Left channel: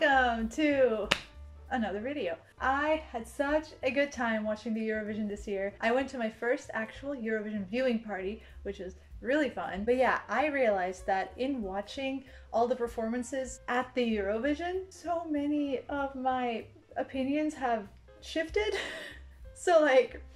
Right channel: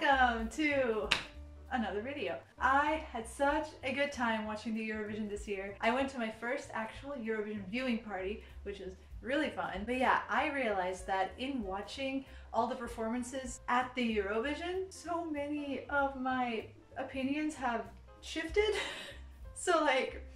Welcome to another video. I had such a good time watching the Eurovision this year. I went to my first actual Eurovision viewing party, which was really fun. But yeah, I realized that in watching all the performances at the Eurovision, so many of my opinions have shifted. So like,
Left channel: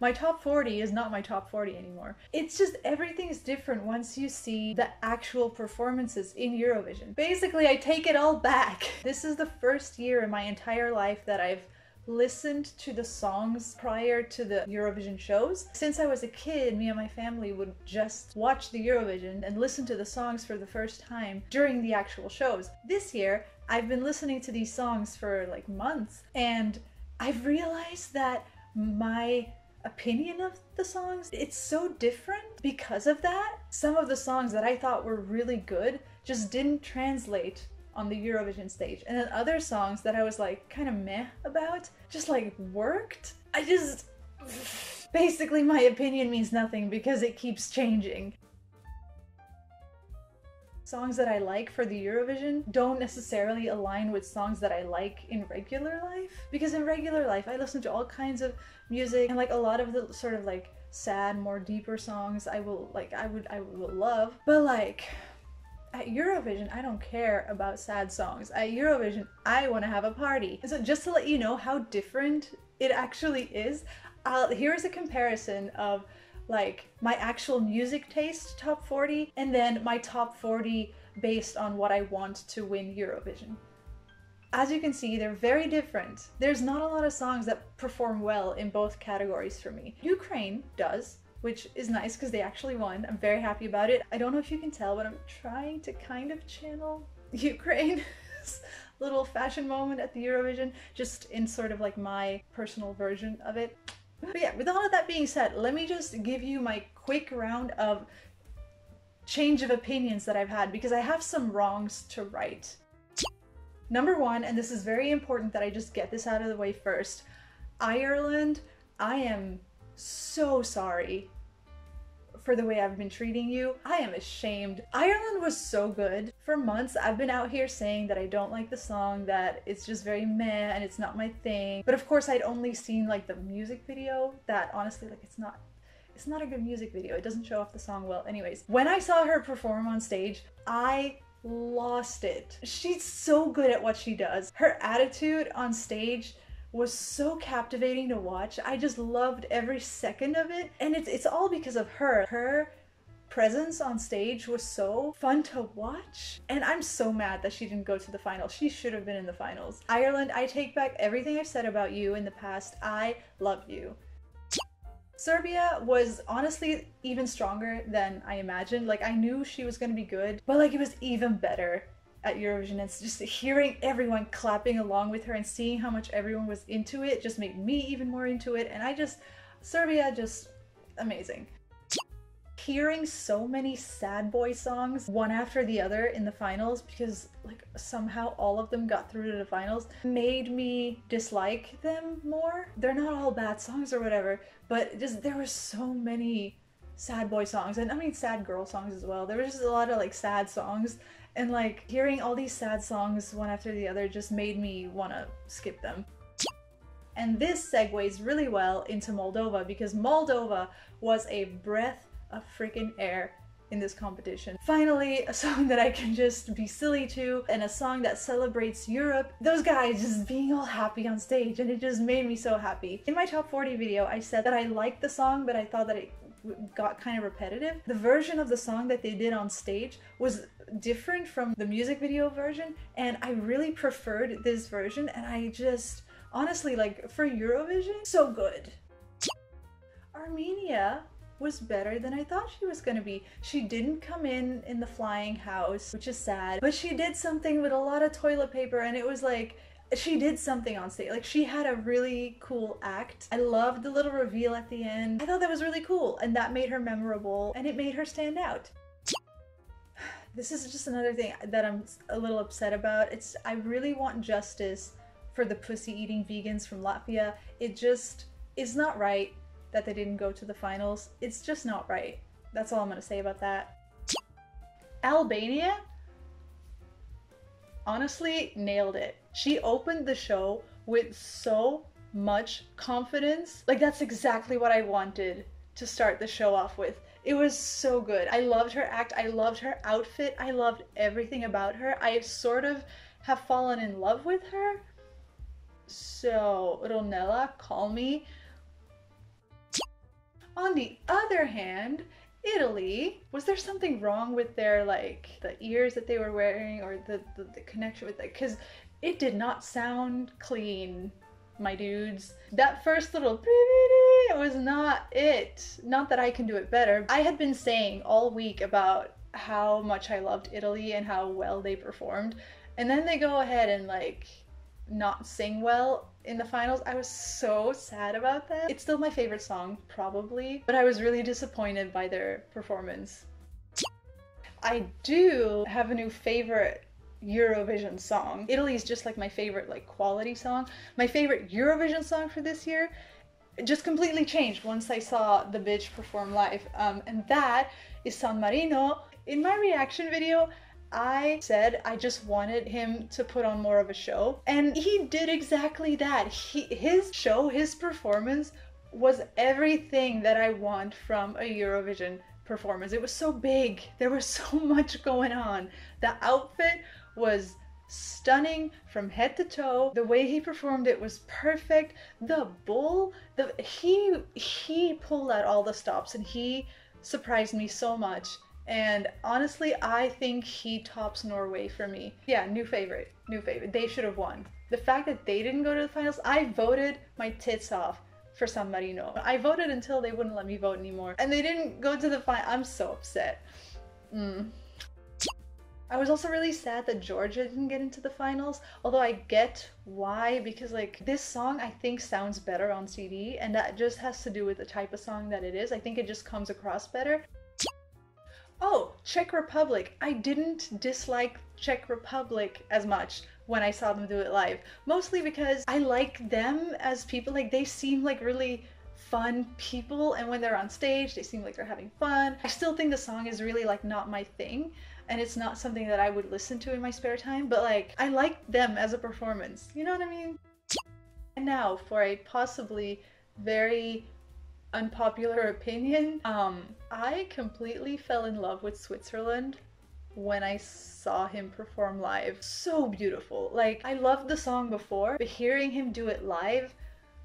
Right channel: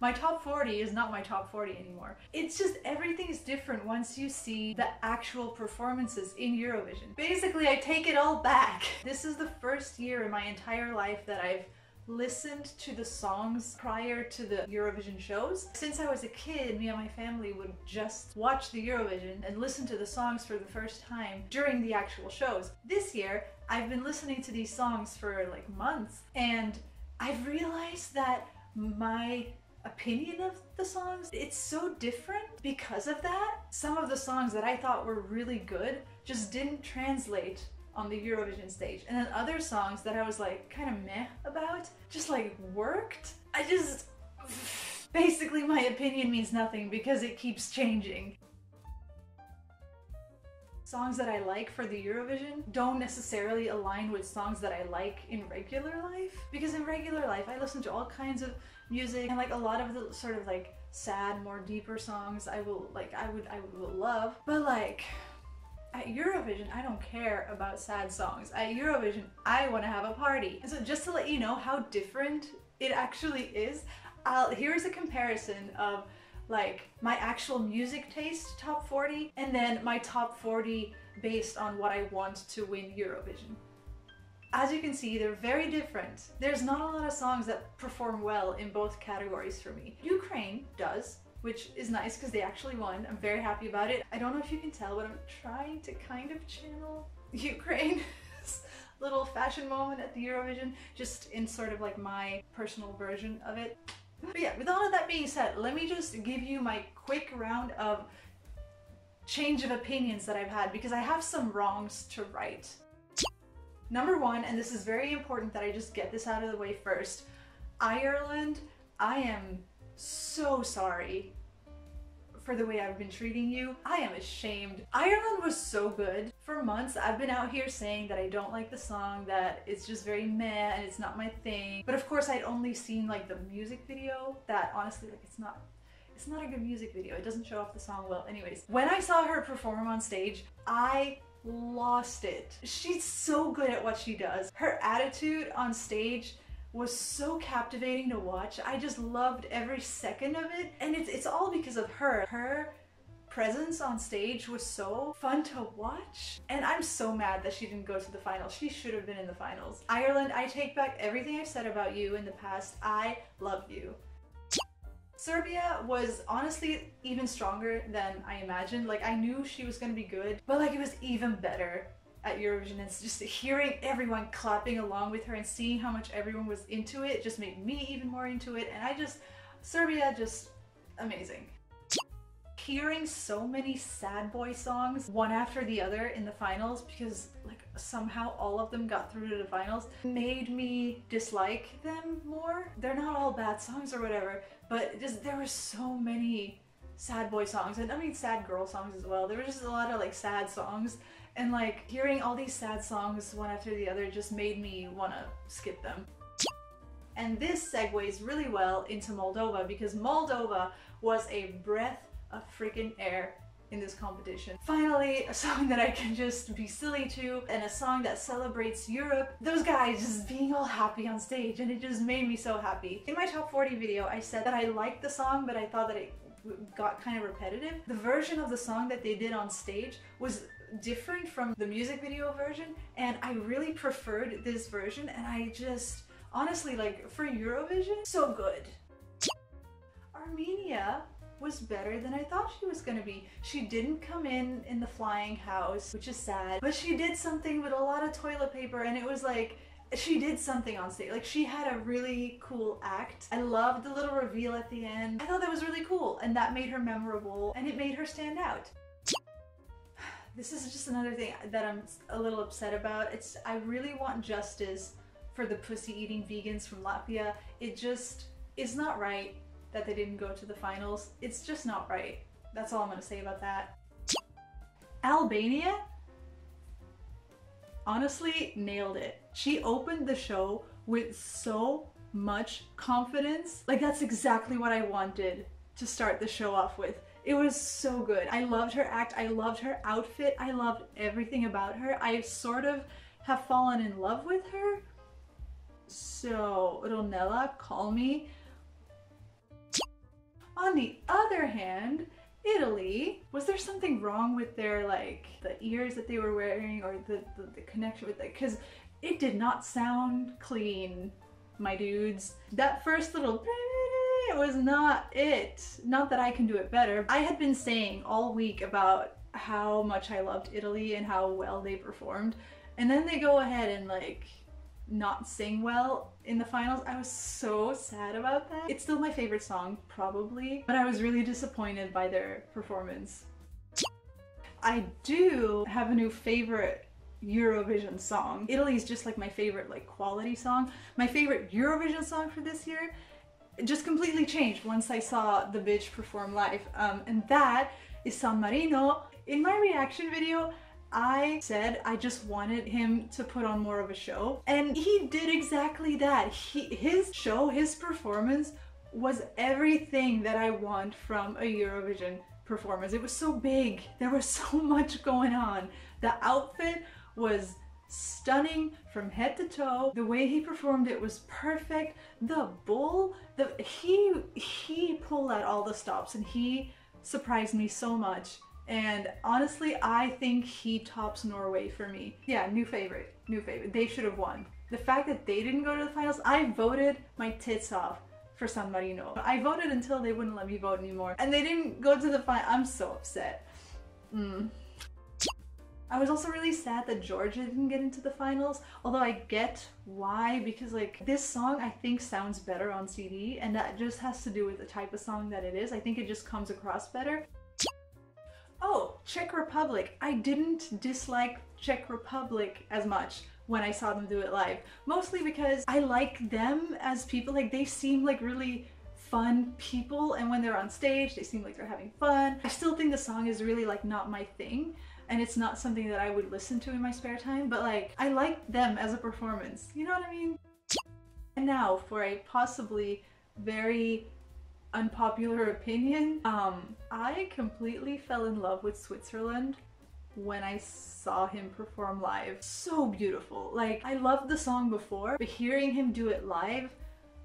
my top 40 is not my top 40 anymore. It's just everything is different once you see the actual performances in Eurovision. Basically, I take it all back. This is the first year in my entire life that I've listened to the songs prior to the Eurovision shows. Since I was a kid, me and my family would just watch the Eurovision and listen to the songs for the first time during the actual shows. This year, I've been listening to these songs for like months, and I've realized that my opinion of the songs, it's so different because of that. Some of the songs that I thought were really good just didn't translate on the Eurovision stage, and then other songs that I was like kind of meh about just like worked. Basically my opinion means nothing because it keeps changing. Songs that I like for the Eurovision don't necessarily align with songs that I like in regular life, because in regular life I listen to all kinds of music, and like a lot of the sort of like sad, more deeper songs I will love, but like at Eurovision I don't care about sad songs. At Eurovision I want to have a party. And so just to let you know how different it actually is, here's a comparison of like my actual music taste top 40 and then my top 40 based on what I want to win Eurovision. As you can see, they're very different. There's not a lot of songs that perform well in both categories for me. Ukraine does, which is nice because they actually won. I'm very happy about it. I don't know if you can tell, but I'm trying to kind of channel Ukraine's little fashion moment at the Eurovision, just in sort of like my personal version of it. But yeah, with all of that being said, let me just give you my quick round of change of opinions that I've had, because I have some wrongs to right. Number one, and this is very important that I just get this out of the way first, Ireland, I am so sorry for the way I've been treating you. I am ashamed. Ireland was so good. For months, I've been out here saying that I don't like the song, that it's just very meh and it's not my thing. But of course, I'd only seen like the music video that honestly, like it's not a good music video. It doesn't show off the song well. Anyways, when I saw her perform on stage, I lost it. She's so good at what she does. Her attitude on stage was so captivating to watch. I just loved every second of it, and it's all because of her. Her presence on stage was so fun to watch, and I'm so mad that she didn't go to the finals. She should have been in the finals. Ireland, I take back everything I've said about you in the past. I love you. Serbia was honestly even stronger than I imagined. Like, I knew she was gonna be good, but like it was even better at Eurovision. It's just hearing everyone clapping along with her and seeing how much everyone was into it just made me even more into it, and Serbia, just amazing. Hearing so many sad boy songs one after the other in the finals, because like somehow all of them got through to the finals, made me dislike them more. They're not all bad songs or whatever, but just there were so many sad boy songs, and I mean sad girl songs as well. There was just a lot of like sad songs, and like hearing all these sad songs one after the other just made me want to skip them. And this segues really well into Moldova, because Moldova was a breath of freaking air in this competition. Finally, a song that I can just be silly to, and a song that celebrates Europe. Those guys just being all happy on stage, and it just made me so happy. In my top 40 video, I said that I liked the song, but I thought that it got kind of repetitive. The version of the song that they did on stage was different from the music video version, and I really preferred this version, and I just, honestly, like for Eurovision, so good. Armenia was better than I thought she was gonna be. She didn't come in the flying house, which is sad, but she did something with a lot of toilet paper, and it was like, she did something on stage. Like, she had a really cool act. I loved the little reveal at the end. I thought that was really cool, and that made her memorable, and it made her stand out. This is just another thing that I'm a little upset about. I really want justice for the pussy-eating vegans from Latvia. It just is not right that they didn't go to the finals. It's just not right. That's all I'm gonna say about that. Albania? honestly nailed it. She opened the show with so much confidence. Like, that's exactly what I wanted to start the show off with. It was so good. I loved her act, I loved her outfit, I loved everything about her. I sort of have fallen in love with her. So, Ronella, call me. On the other hand, Italy, was there something wrong with their, like, the ears that they were wearing, or the connection with it? Because it did not sound clean, my dudes. That first little was not it. Not that I can do it better. I had been saying all week about how much I loved Italy and how well they performed, and then they go ahead and, like, not sing well in the finals. I was so sad about that. It's still my favorite song, probably, but I was really disappointed by their performance. I do have a new favorite Eurovision song. Italy is just like my favorite, like, quality song. My favorite Eurovision song for this year just completely changed once I saw the bitch perform live, and that is San Marino. In my reaction video, I said I just wanted him to put on more of a show, and he did exactly that. His show, his performance was everything that I want from a Eurovision performance. It was so big. There was so much going on. The outfit was stunning from head to toe. The way he performed it was perfect. The bull, he pulled out all the stops, and he surprised me so much. And honestly, I think he tops Norway for me. Yeah, new favorite, new favorite. They should have won. The fact that they didn't go to the finals, I voted my tits off for San Marino. I voted until they wouldn't let me vote anymore, and they didn't go to the final. I'm so upset. I was also really sad that Georgia didn't get into the finals, although I get why, because, like, this song I think sounds better on CD, and that just has to do with the type of song that it is. I think it just comes across better. Oh, Czech Republic. I didn't dislike Czech Republic as much when I saw them do it live. Mostly because I like them as people. Like, they seem like really fun people, and when they're on stage, they seem like they're having fun. I still think the song is really, like, not my thing, and it's not something that I would listen to in my spare time, but, like, I like them as a performance. You know what I mean? And now for a possibly very unpopular opinion, I completely fell in love with Switzerland when I saw him perform live. So beautiful. Like, I loved the song before, but hearing him do it live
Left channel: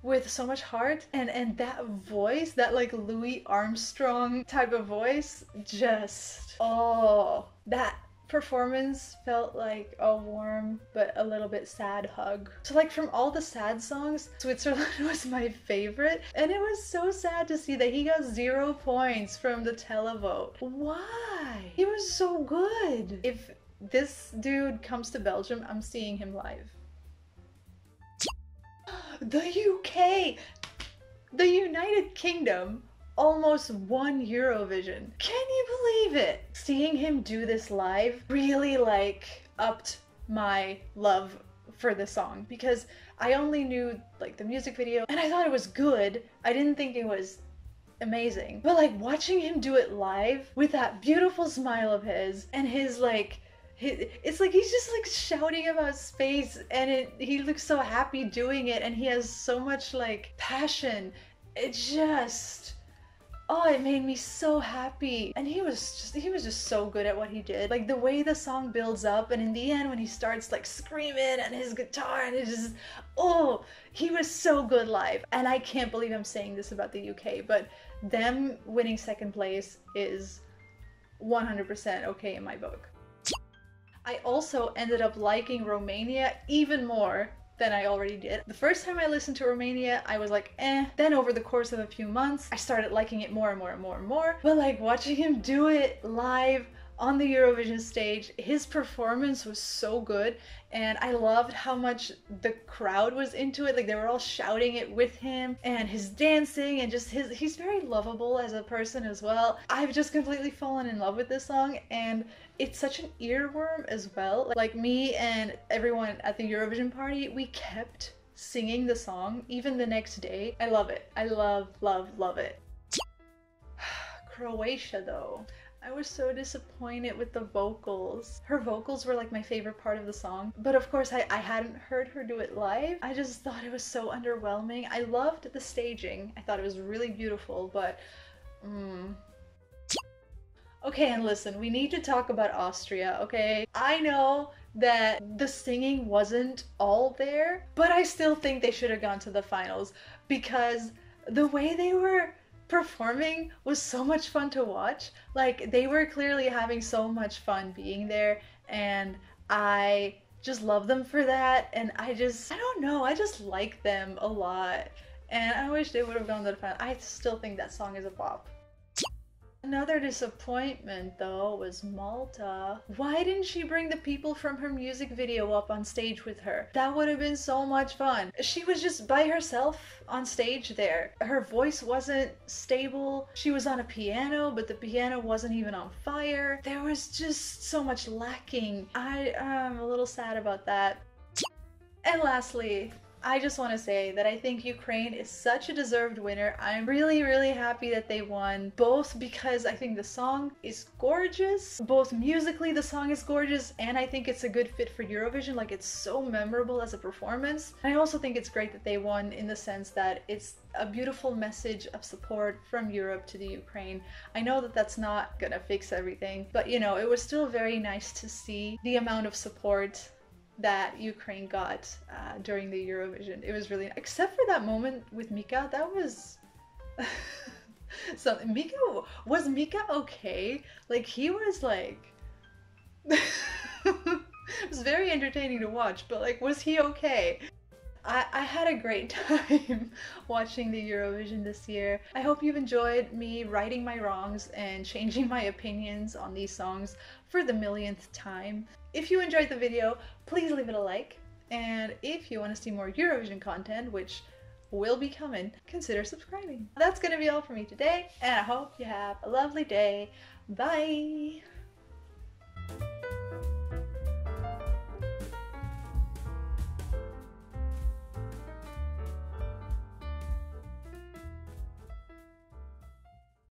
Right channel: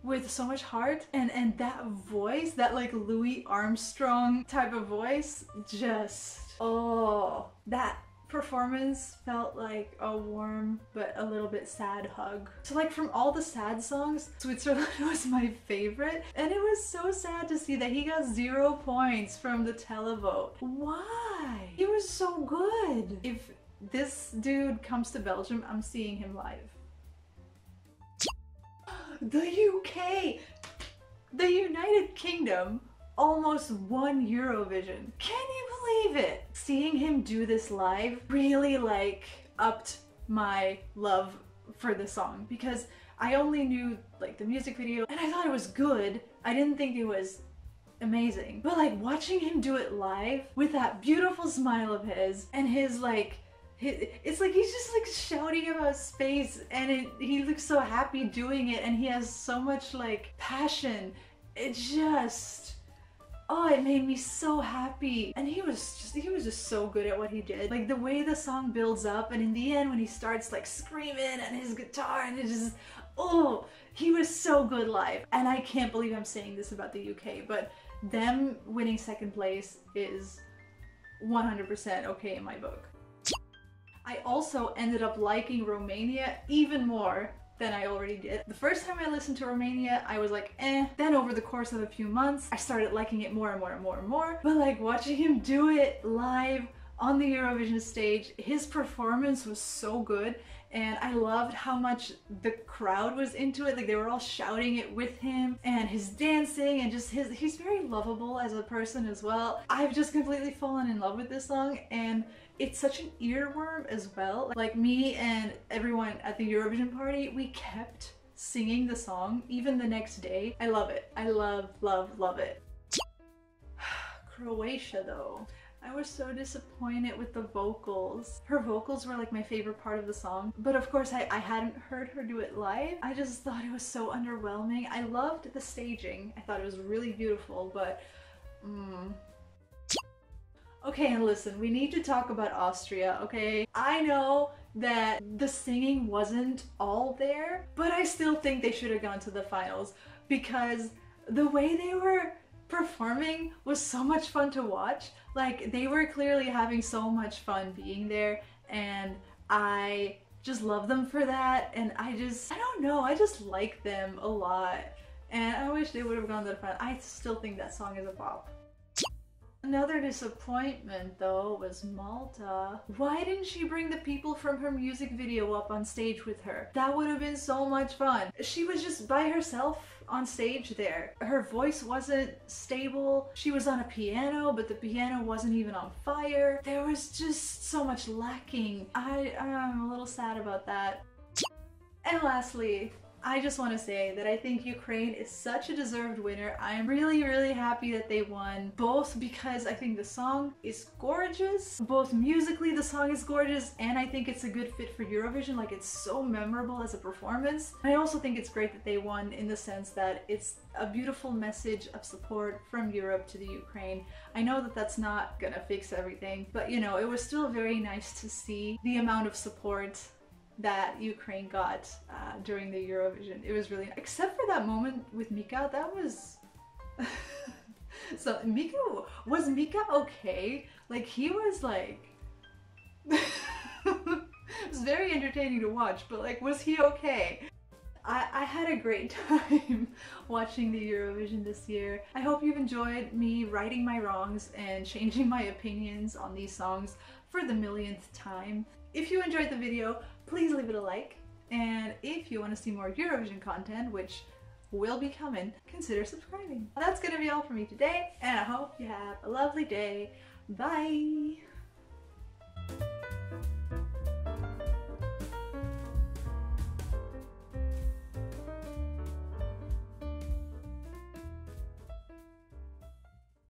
with so much heart, and that voice, that, like, Louis Armstrong type of voice, just, oh, that performance felt like a warm but a little bit sad hug. So, like, from all the sad songs, Switzerland was my favorite, and it was so sad to see that he got 0 points from the televote. Why? He was so good. If this dude comes to Belgium, I'm seeing him live. The UK! The United Kingdom almost won Eurovision. Can you believe it? Seeing him do this live really, like, upped my love for the song, because I only knew, like, the music video, and I thought it was good. I didn't think it was amazing. But, like, watching him do it live with that beautiful smile of his, and his, like, it's like he's just, like, shouting about space, and he looks so happy doing it, and he has so much, like, passion. It just, oh, it made me so happy. And he was just so good at what he did. Like, the way the song builds up, and in the end when he starts, like, screaming at his guitar, and it's just, oh, he was so good live. And I can't believe I'm saying this about the UK, but them winning second place is 100% okay in my book. I also ended up liking Romania even more than I already did. The first time I listened to Romania, I was like, eh. Then over the course of a few months, I started liking it more and more and more and more. But, like, watching him do it live on the Eurovision stage, his performance was so good, and I loved how much the crowd was into it. Like, they were all shouting it with him, and his dancing, and just he's very lovable as a person as well. I've just completely fallen in love with this song, and it's such an earworm as well. Like, me and everyone at the Eurovision party, we kept singing the song even the next day. I love it. I love, love, love it. Croatia, though. I was so disappointed with the vocals. Her vocals were like my favorite part of the song, but of course I hadn't heard her do it live. I just thought it was so underwhelming. I loved the staging. I thought it was really beautiful, but Okay, and listen, we need to talk about Austria, okay? I know that the singing wasn't all there, but I still think they should have gone to the finals because the way they were performing was so much fun to watch. Like, they were clearly having so much fun being there, and I just love them for that. And I don't know, I just like them a lot. And I wish they would have gone to the final. I still think that song is a bop. Another disappointment though was Malta. Why didn't she bring the people from her music video up on stage with her? That would have been so much fun. She was just by herself on stage there. Her voice wasn't stable. She was on a piano, but the piano wasn't even on fire. There was just so much lacking. I'm a little sad about that. And lastly, I just want to say that I think Ukraine is such a deserved winner. I'm really, really happy that they won, both because I think the song is gorgeous, both musically the song is gorgeous, and I think it's a good fit for Eurovision. Like, it's so memorable as a performance. And I also think it's great that they won in the sense that it's a beautiful message of support from Europe to the Ukraine. I know that that's not gonna fix everything, but you know, it was still very nice to see the amount of support that Ukraine got during the Eurovision. It was really, except for that moment with Mika, that was so was Mika okay? Like, he was like it was very entertaining to watch, but like, was he okay? I had a great time watching the Eurovision this year. I hope you've enjoyed me righting my wrongs and changing my opinions on these songs for the millionth time. If you enjoyed the video, please leave it a like. And if you want to see more Eurovision content, which will be coming, consider subscribing. That's gonna be all for me today, and I hope you have a lovely day. Bye!